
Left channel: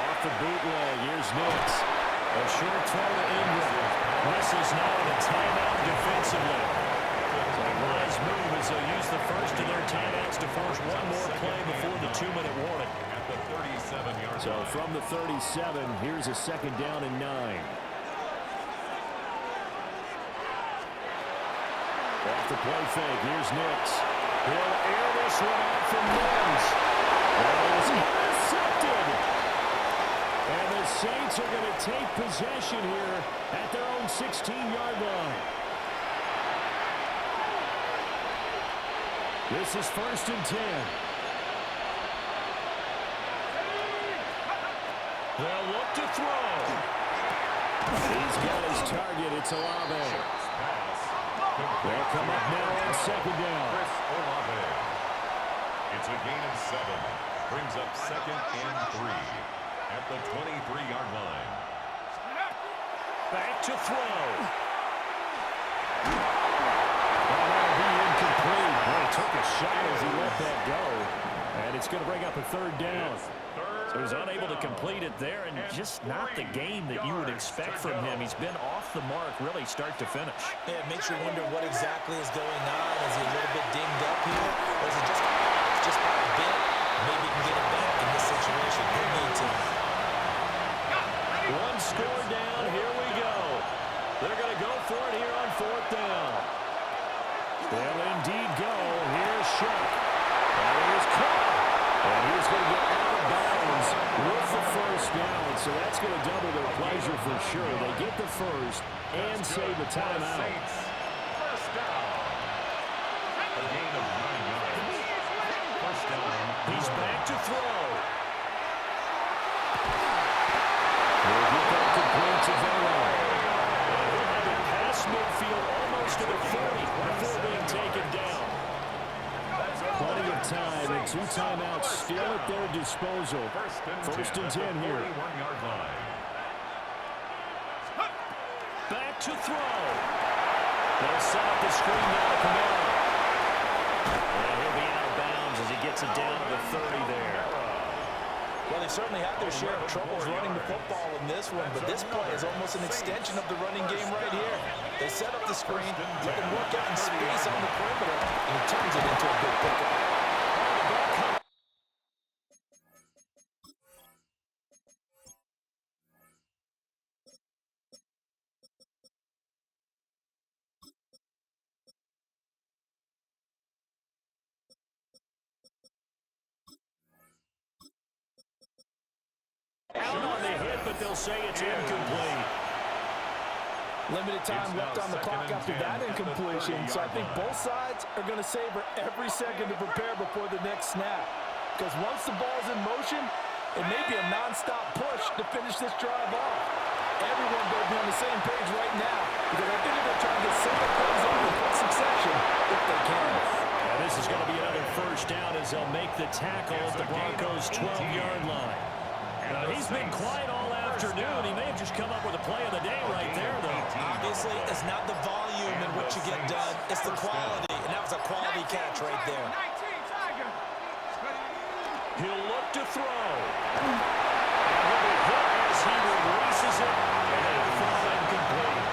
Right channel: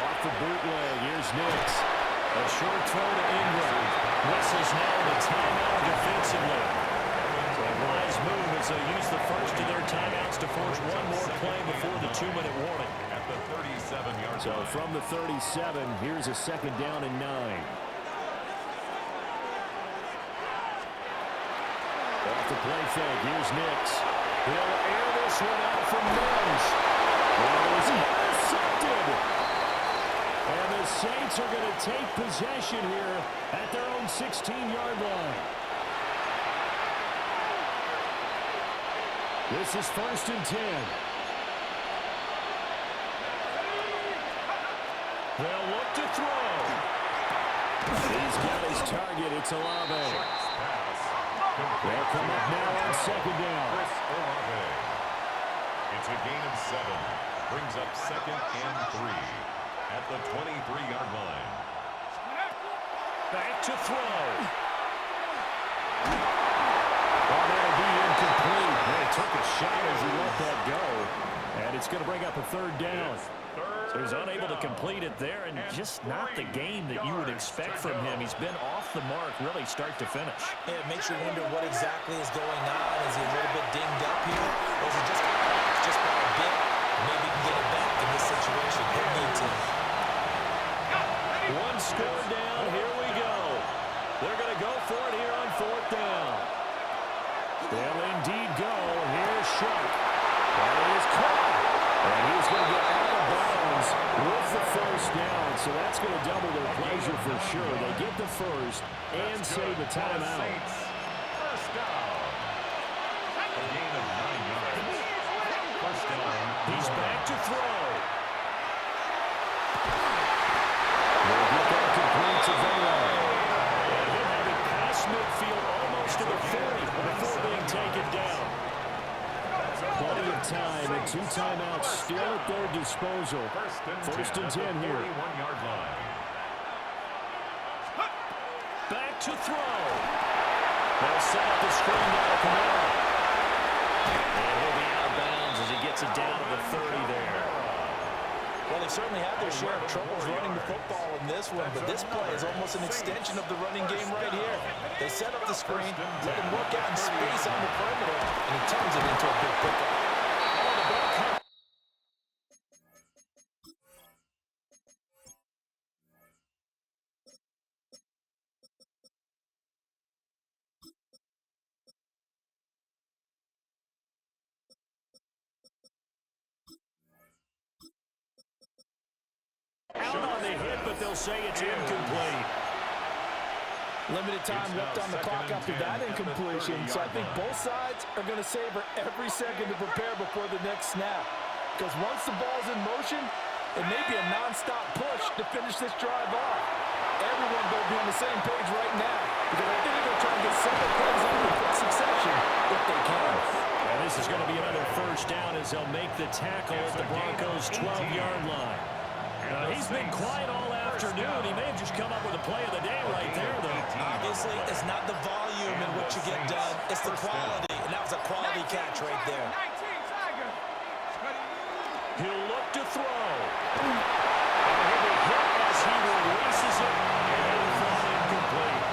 Off the bootleg, here's Nix. A short throw to Ingram. Whistles now in a timeout defensively. So a wise move as they'll use the first of their timeouts to force one more play before the 2-minute warning. At the 37-yard line. So from the 37, here's a 2nd down and 9. Off the play fake, here's Nix. He'll air this one out from Mims. That is intercepted. And the Saints are going to take possession here at their own 16-yard line. This is 1st and 10. They'll look to throw. He's got his target. It's Olave. They'll come up now on 2nd down. Chris Olave. It's a gain of 7. Brings up 2nd and 3. At the 23-yard line. Back to throw. Well, that'll be incomplete. Well, he took a shot as he let that go. And it's going to bring up a 3rd down. So he's unable to complete it there, and just not the game that you would expect from him. He's been off the mark really start to finish. Yeah, it makes you wonder what exactly is going on. Is he a little bit dinged up here? Or is it just by a bit? Maybe he can get it back in this situation. He'll need to. 1 score down. Here we go. They're going to go for it here on 4th down. They'll indeed go. Here's Shuck. That is caught. And he's going to get out of bounds with the first down. So that's going to double their pleasure for sure. They get the first and save the timeout. First down. A gain of 9 yards. First down. He's back to throw. They'll get that complete to Vela. And he'll have it past midfield almost to the 40 before being taken down. Plenty of time and 2 timeouts still at their disposal. First and 10 here. 41-yard line. Back to throw. They'll set up the screen now to Kamara. And he'll be out of bounds as he gets it down to the 30 there. Well, they certainly had their share of troubles running the football in this one, but this play is almost an extension of the running game right here. They set up the screen, let him work out in space on the perimeter, and he turns it into a big pickup. will say it's incomplete. Limited time left on the clock after that incompletion, so I think both sides are going to savor every second to prepare before the next snap. Because once the ball's in motion, it may be a non-stop push to finish this drive off. Everyone better be on the same page right now, because I think they're going to try and get several plays up in quick succession if they can. And this is going to be another first down as they'll make the tackle at the Broncos' 12-yard line. He's been quiet all afternoon. He may have just come up with a play of the day right there, though. Obviously, it's not the volume in which you get done. It's the quality, and that was a quality catch right there. He'll look to throw. And he'll be hit as he releases it, and it'll fall incomplete.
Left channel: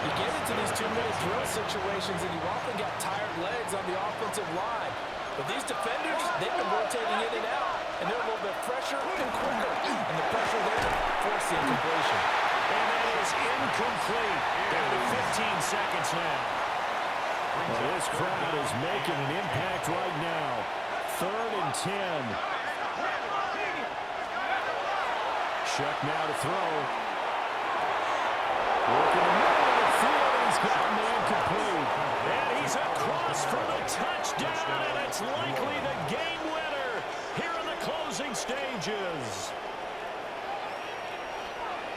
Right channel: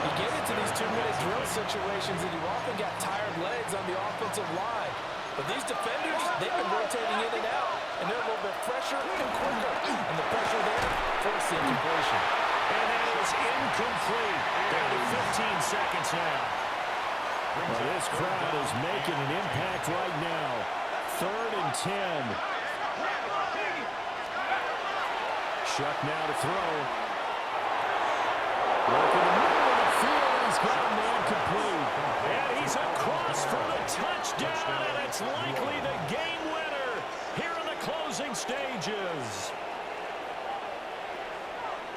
You get into these 2-minute drill situations, and you've often got tired legs on the offensive line. But these defenders, they've been rotating in and out, and they're a little bit fresher and quicker. And the pressure there forced the incompletion. And that is incomplete. Down to 15 seconds now. Well, this crowd is making an impact right now. 3rd and 10. Shuck now to throw. Work in the middle of the field, and he's got a man complete. And he's across for the touchdown, and it's likely the game winner here in the closing stages.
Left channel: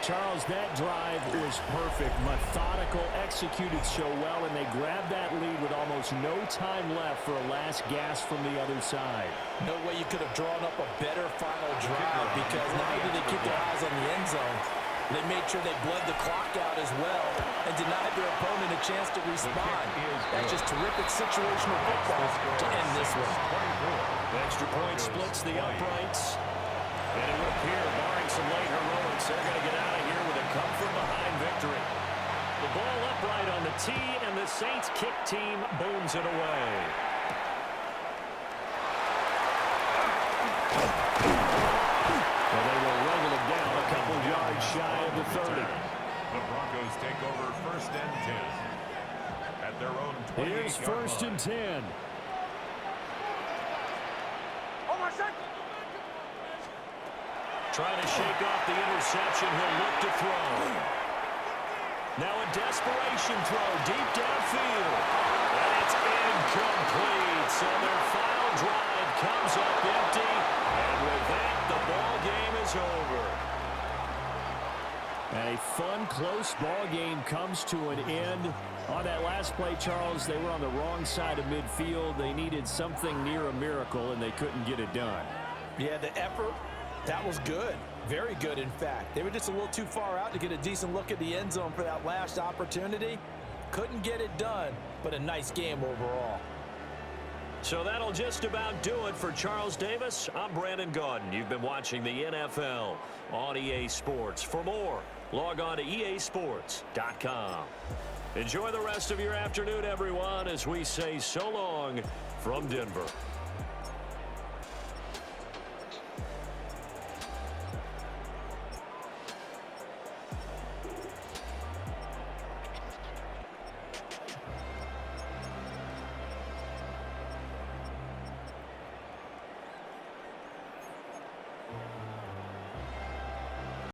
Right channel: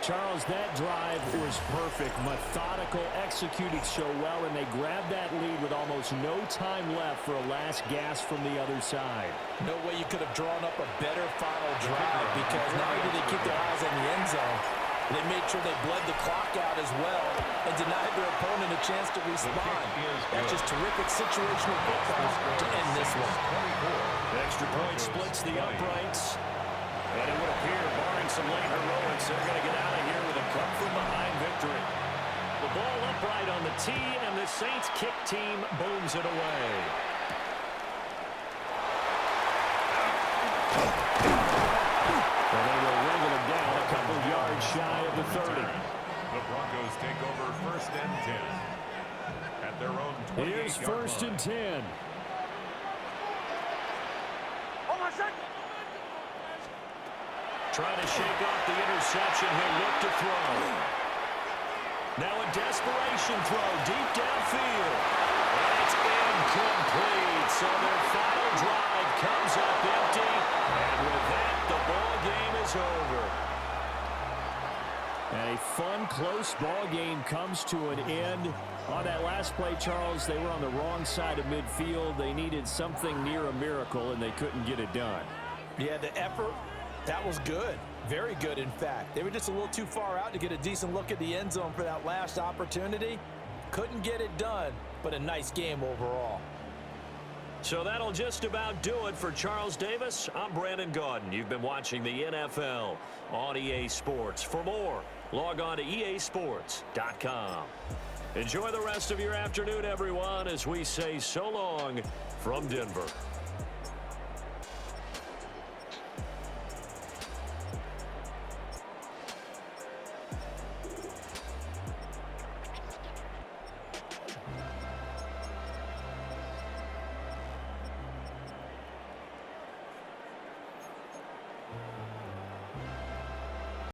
Charles, that drive was perfect. Methodical, executed so well, and they grabbed that lead with almost no time left for a last gasp from the other side. No way you could have drawn up a better final drive, because not only did they keep their eyes on the end zone, they made sure they bled the clock out as well and denied their opponent a chance to respond. That's just terrific situational football to end this one. The extra point splits the uprights. And it would appear, barring some late heroics, they're going to get out of here with a come-from-behind victory. The ball upright on the tee, and the Saints kick team booms it away. Well, they will wrangle it down a couple yards shy of the 30. The Broncos take over 1st and 10 at their own 28-yard line. Here's 1st and 10. Trying to shake off the interception. He'll look to throw. Now a desperation throw deep downfield. And it's incomplete. So their final drive comes up empty. And with that, the ball game is over. And a fun, close ball game comes to an end. On that last play, Charles, they were on the wrong side of midfield. They needed something near a miracle, and they couldn't get it done. Yeah, the effort, that was good. Very good, in fact. They were just a little too far out to get a decent look at the end zone for that last opportunity. Couldn't get it done, but a nice game overall. So that'll just about do it for Charles Davis. I'm Brandon Gaudin. You've been watching the NFL on EA Sports. For more, log on to easports.com. Enjoy the rest of your afternoon, everyone, as we say so long from Denver.